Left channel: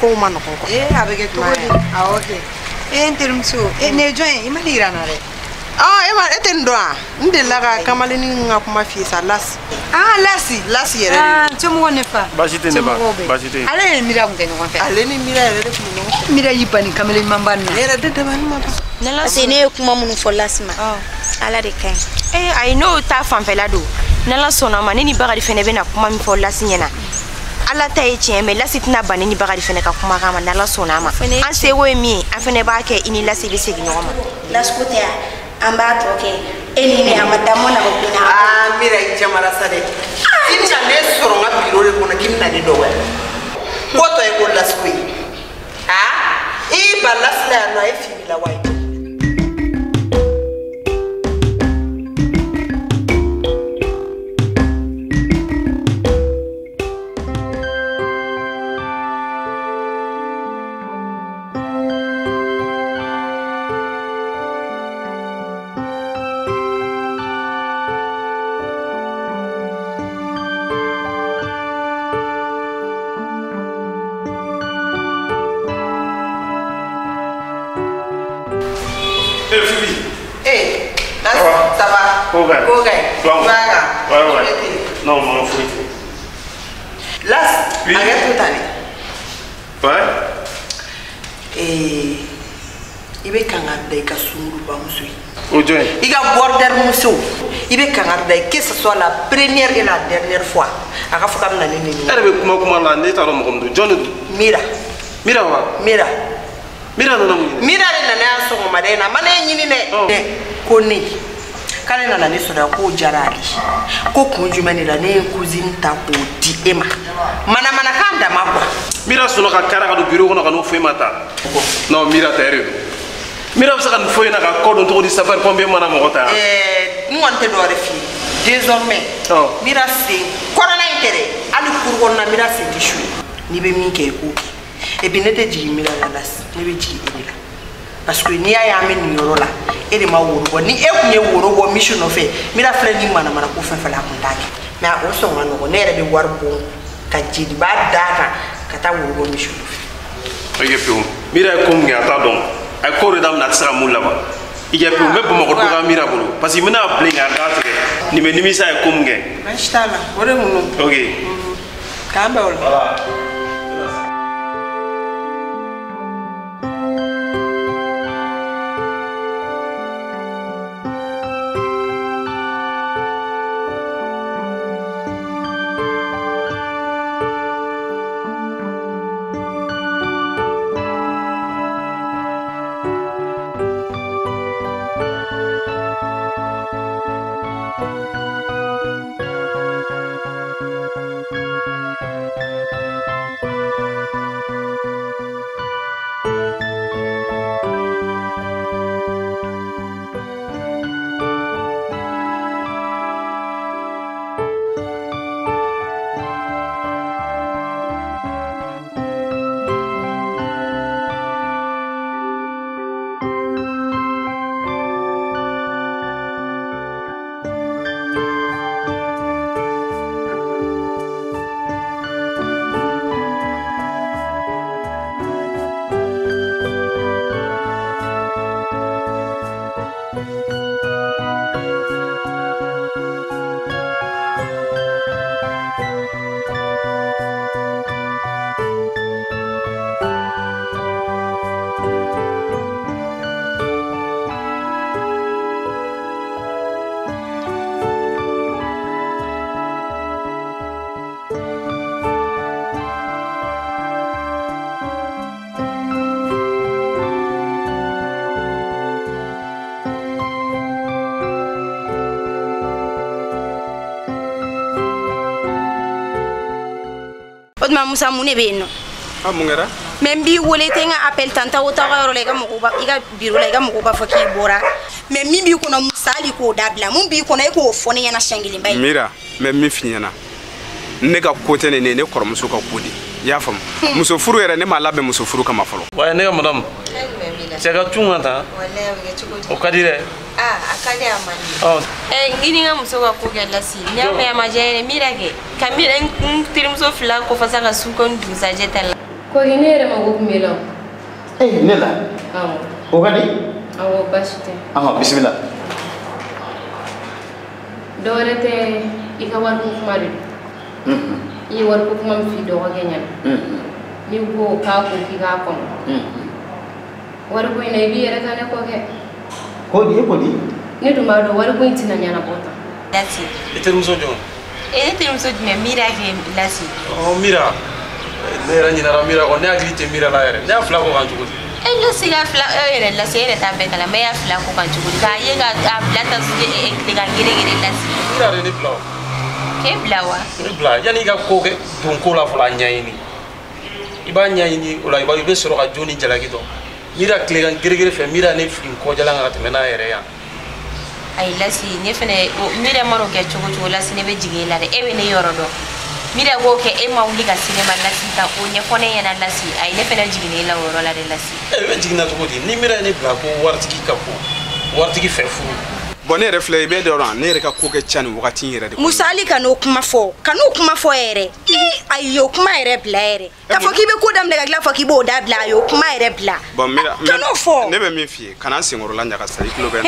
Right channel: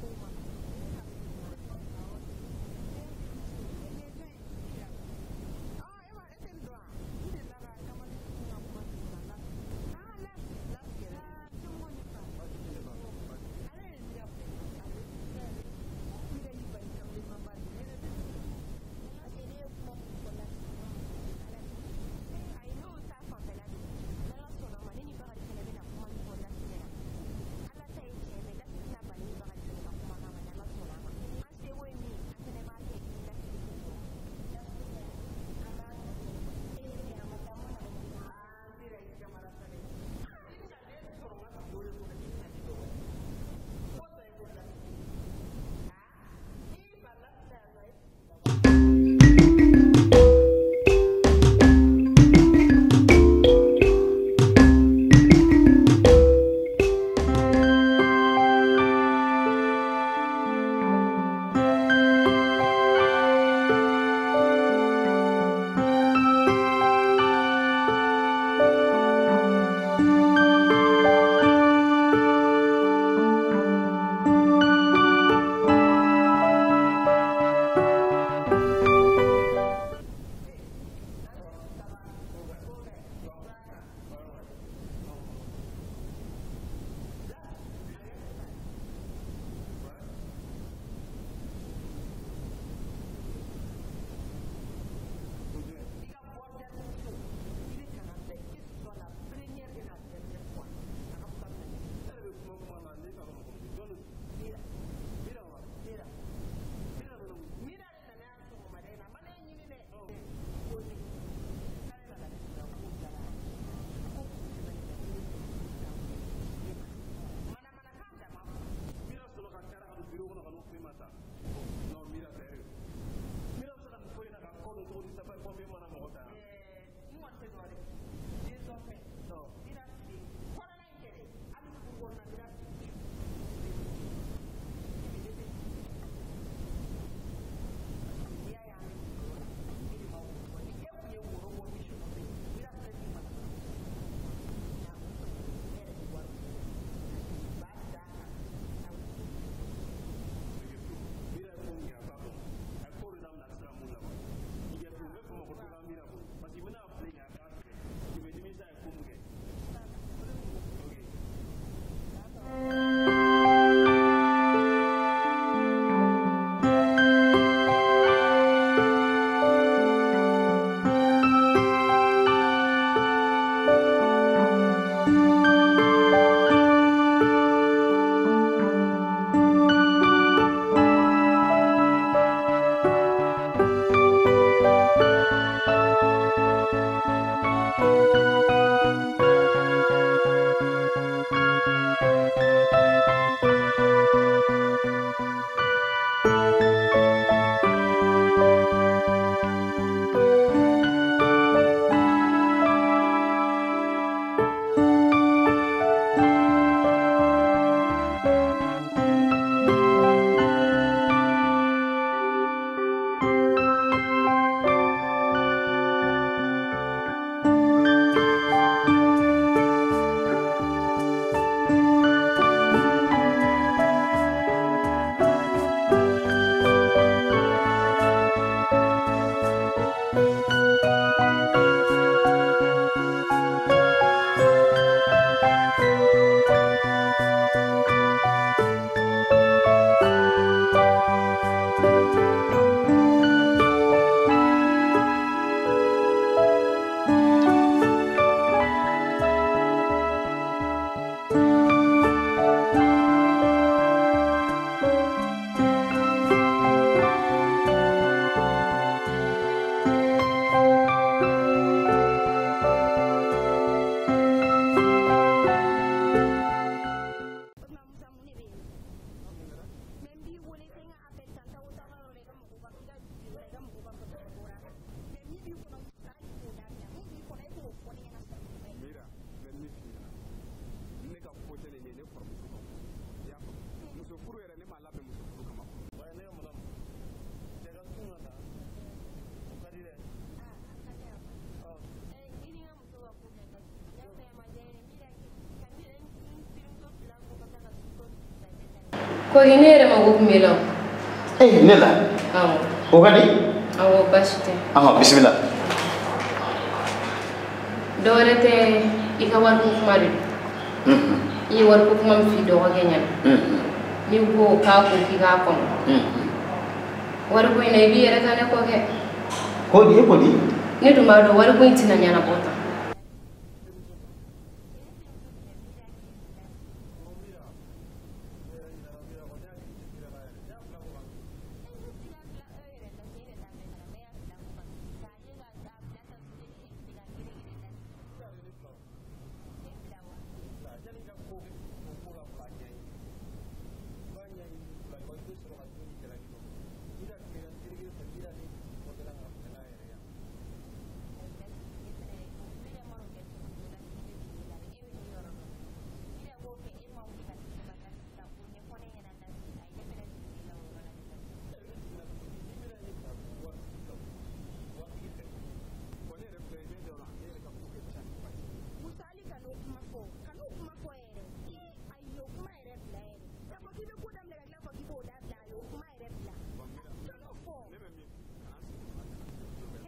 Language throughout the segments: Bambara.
ko ma no ko abege to okay terumso ne join imalira na re ema eten doa ndela ka kamaleni nga kuma fi sa las lasi yere chomo ne fa bajite ne ba bajite ale mira ngene ko fa ale ni mira yere ko no mira yipani kamaleni mambana yere de ban ma ba nala sene kuma mun fo lasma ala de kan I know ta fan fela do nala sona ma ni bagadi fene be na kuma mi fo lasinyana ala ta eche me lasitina bani ni bagadi fene ka kuma kama nala sona ma an se wo mi afene ba ke ini lasi be segi no ma laskote amba toke enini amadamo na bopina mira ijamara sade inja ne soro nga biro le kona kimna de dowe koto e ko laskui e balasla no e fimila wai Non, non, faut. Las, oui. Arrête tout année. Ouais. Il veut qu'on garde des cassous pour monsieur. Aujourd'hui. Il a border monsieur. Il veut qu'on garde que ce soit la première et la dernière fois. À la fois comme la ligne. Elle veut comment la nette à l'homme comme John. Mira. Mira wa. Mira. Mira non non. Mira le nana so madena mané nyini ne. Koni. Kale nana ne so da ko jarali. Ko kunjumani la ne cousine ta ko di ema. Mana kanda makwa. Mira sono ka kara ka do bureau kono ka no foi mata. Non mira tere. Mira bisa kan foi na ka ko don to di safar pombe mana mo kota. Ngonte do refi. Désormais. Mira c'est corona intérêt. Ali kurgon na mira c'est di chui. Ni be min ke ko. Et bien n'était dit mira la las. Ni be di ila. Parce que ni aya men yoro la. Et ma woro ni e kunye woro go mission no fe. Mira flani mana ko fe fa la kontaki. Mais o so ngano ko nere be war bon. Ka jidi ba data kata wo mission oye peu mira comme ngata donc ay ko redam na tsara mulla ba ije peu me bomo ko do mira bolo parce que mina blinga data ni me nimisa ay comme nge mashallah wore munu okay kamba wala ma musa mune be no mungera même bi wolé té nga appel tanta o tawa ro lega mo ba iga biro lega mo ba faki bora même mi bi ko na musali ko dabla mun bi ko na ko foni yana shangili mbay mira même mi finyana ne ka kote ne ne kormuso ka kodi ya fam muso furu yere ne ma labe muso furu kama folo wa ne ga madam c'est ka tunga ta wallahi ga chuko o kadire akade amani ngini nga muso ka ko gella si nya me ma jere mira ke kamira tirim so fla ko fasaka su kon du sa jetala ko ine re ma go kumela nela o gadi awo bashite bismillah dorete ikawar ko kumari yi war ko kuma fi do ga genya ni go ka ko ki ga ko war ko ine bi yere kan ko ke ko di ni duma do war ko itina nyana bota lasi ite muso jo ite muso me mira ke lasi mira ne ra nyina ra mira ko ne agli te mira la yere ne afla ko kan jugo lasi ga fla lasi yere ta be kala me afla ko kan jugo ka ye ga blata su de ga gire lasi mira re ni bla ke blawa ni bla yani ga ko ke don ko la fala nyaini iba nyaini ola iba be soro ga joni jalagi do mira kle gan gire fe mira ne fin ko jala ngata mena yere ya ay lasi ne fene mira maro ke chugo lasi ne be jigela de e ne yoro do mira go ke e mawli ga cinema lasi ta o ne fone yana lasi ay ne fene jigela woro la de lasi e be jigina to di ni mira ne bla ko wartiki kapo wartiki fe fu bonne refle be de ran ne re ka ko ke chani wakati yere de musali kanu kuma fo ere ayo kuma ere bla ere ka fo ki be ko dam daga gla fo ki bo da bla yo kuma ere bla bon mira kanu fo ne be mi fie kana singoro la nyaka sari kilo be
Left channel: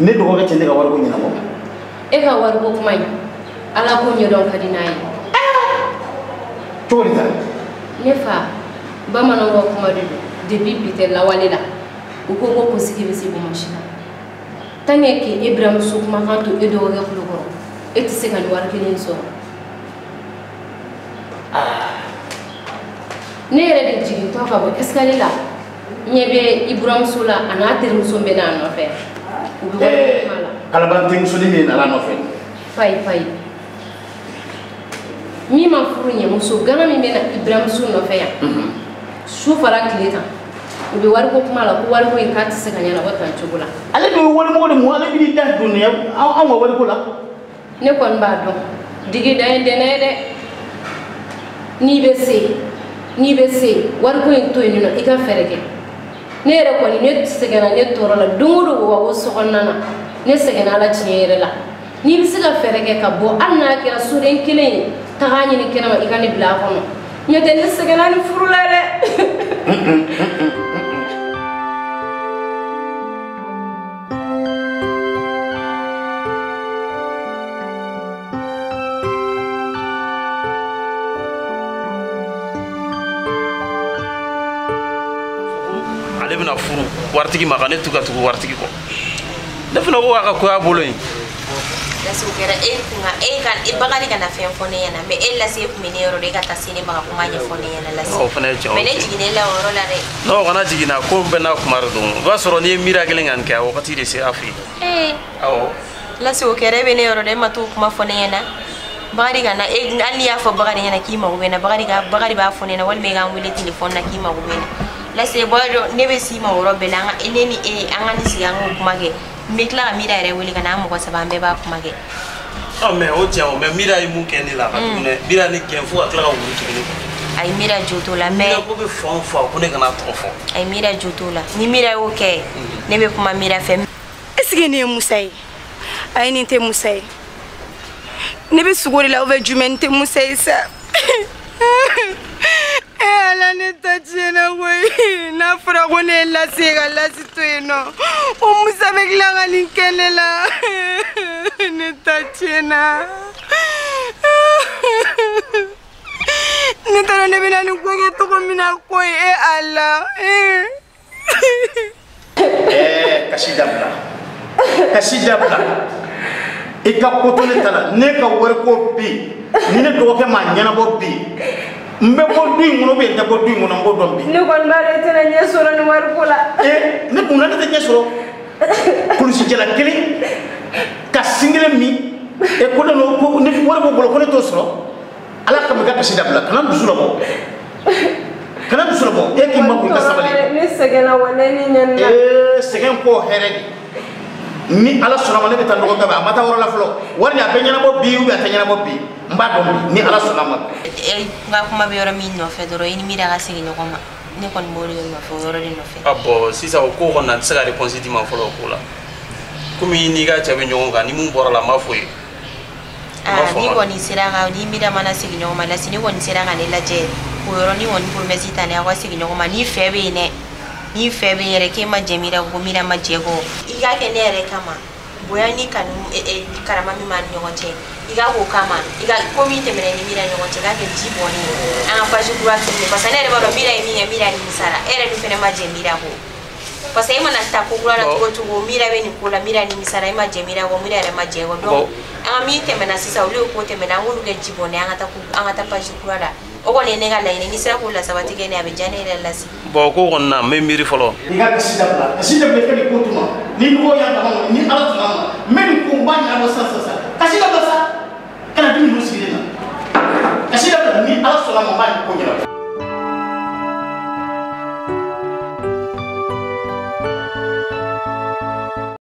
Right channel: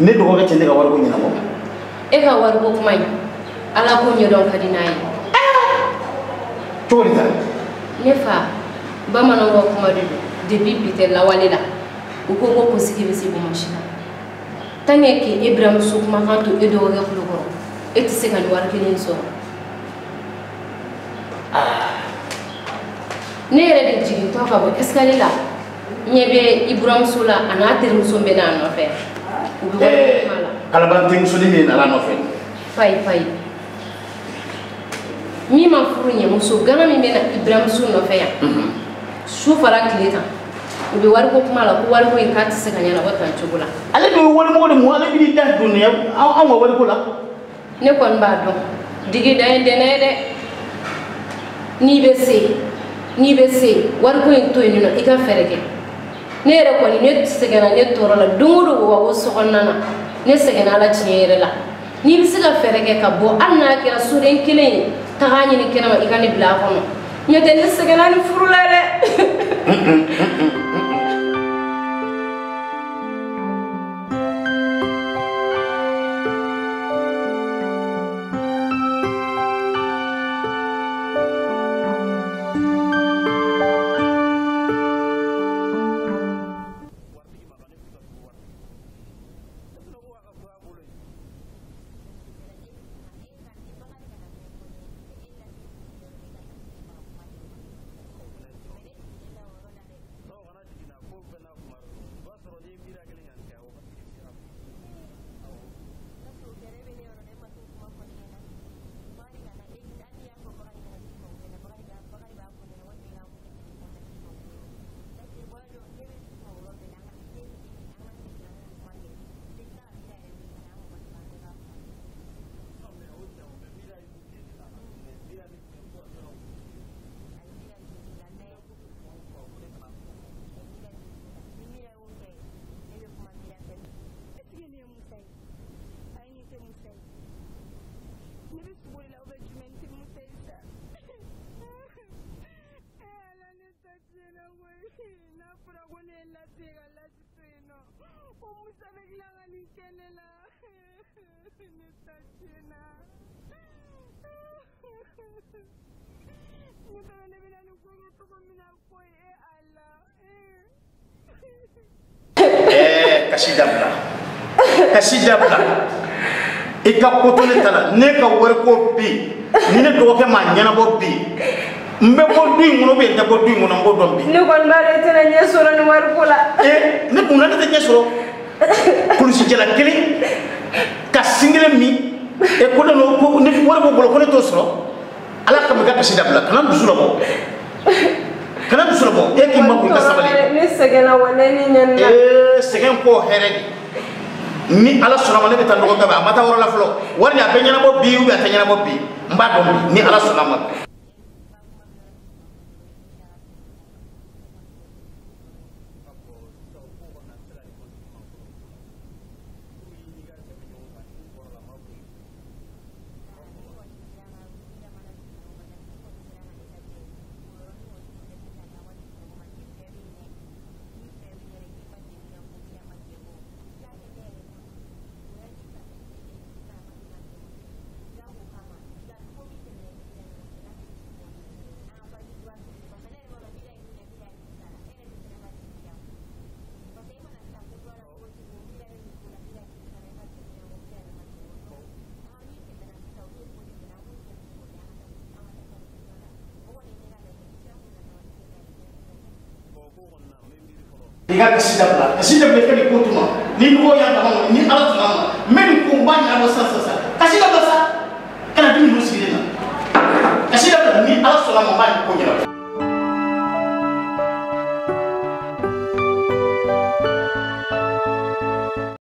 ne dogo ke tende ga wargo nyina mo e ga wargo kuma ala ko nyodon kadinai tori ta ne fa ba mana wo kuma de bibite la walela uko ko siki bisi bo mashina tange ke ibrahim su kuma kan to edo ga fulo eti se kan warkelen so ne re de jigi to ka bo eskalila nyebe ibrahim sula ana ter muso be na no fe kalaban ting sodi ni ala no fe fai mi ma furu nye muso gana mi mena ibrahim su no fe ya su fara kileta ubi wari ko kuma la ko wari ko in kati se kanyana watan chugula ale be wori mo de mo ale bi da dunya an wa wari ko la ne kon ba don digi da ende ne de ni be se wari ko in to ni no ika ferege ne re ko ni ne se kana ne toro la dungudu wo so konnana ne se kana la chiere la ni bi se ka ferege ka bo anna kira suren kilen ta ganyi ni kena ma ika ni bla kono nyete ne se kana ni furula de ale bina furu wartigi ma ne tuga tugu wartigi ko ne fina ko aka ko abolo yin lasi ukera kunga kan ibagari kana fen fone yana me lasi kumine yoro de kata sine baga kumanya fone yana lasi o fana je me ne jigine la woro la re no kana jigina ko bena kumar dum ba soro ni mira gelen an ka wakati de se afi awo lasi ukera be ne yoro de matu kuma fone yana bagari kana ali ya fo bagari yana kima ubena bagari ba fone na wal me ga wile telefone na kima ubena lasi bodo ne be sima woro belanga eneni angani sigango kumage mekla mira ere wili kana mo ko sabambe ba kumage mais o tia o mais mira yi mun keni la ne mira ni kenfu akla ka wuri tugini ay mira joto la mais ko be fon fo ko ne kana tofo ay mira joto la ni mira o ke ne be kuma mira fem esige ne musai ay ni te musai ne be sugori la over jumente musai sa ala ne tachena we na fura ko ne la sega la situeno o musabe glanga ni kelela ne tachena ne tara ne bina ni ko ke to ko mina ko ala kasidabla ika kotole tala ne ka wari ko bi ni ne do ke ma nyana bo bi mbe ko du ngono be ta ko du ngono ngo dombi ni kon bare tena nyesoro ni war kula ne kuna ne nyesoro kulisi jela kili ka singile mi e ko no ko ne war bo bolo ko ne to soro ala ka me ka kasidabla kana dusura bo e ki ma ko ka sabali ni segena wala ni nyanna segen ko heredi ni ala sona ne be tan ko ba mata woro la flo wari ya be nyana bo bi u be ta nyana bo bi mba dom ni ala sona ma nga kuma be yoro min no fe doro ini mira ga sigi no koma ne kon mori no fe yoro ni no fe abo sisa ko ko na tsaka réponse di ma folo ko la kumi ni ga chabe nyonga ni mun bora la ma foye ni kɔni sera ka ni mira mana sigi ɲɔgɔn ma lasi ni kɔni sera ka ne lajɛ o yɔrɔnin kɔni promesse ta ne aw ka sigi ɲɔgɔn ma ni fɛ bɛ yen dɛ ni fɛ bɛ yen yɛrɛ k'e ma jɛ mira ko mira ma jɛ kɔ i k'a kɛ ne yɛrɛ kama bonya ni kanu karama min b'a ni ɲɔgɔn cɛ i ka k'o kama i ka ko min tɛmɛna ni mira ɲɔgɔn cɛ k'a kɛ ji bɔnni ye an ka page kura accepté parce que ne yɛrɛ b'a dɔn mira ye min kɛ mira nimisara e yɛrɛ dun fɛnɛ ma jɛ mira kɔ parce que e mana ta ko kura la cogo cogo mira bɛ nin ko la mira nimisara e ma jɛ mira kɔ mira yɛrɛ ma jɛ kɔ donc an ka min tɛmɛna sisan olu ye ko tɛmɛna an k'olu kɛ ji bɔnni an ka taa page kura la o kɔni ye ne ka laɲini ni sera k'o lasabati kɛ ne a bɛ diya ne yɛrɛ lasi bon ko kɔni na n bɛ miiri fɔlɔ i ka kasi dabila kasi dabila i ka nin ko tuma ni mɔgɔw y'a dama ma ni ala tuma ma n bɛ nin ko n b'a ɲɛnabɔ sisan kasi dabila sa kana dimi ninnu sigilen na kasi dabila ni ala sɔnna ma n b'a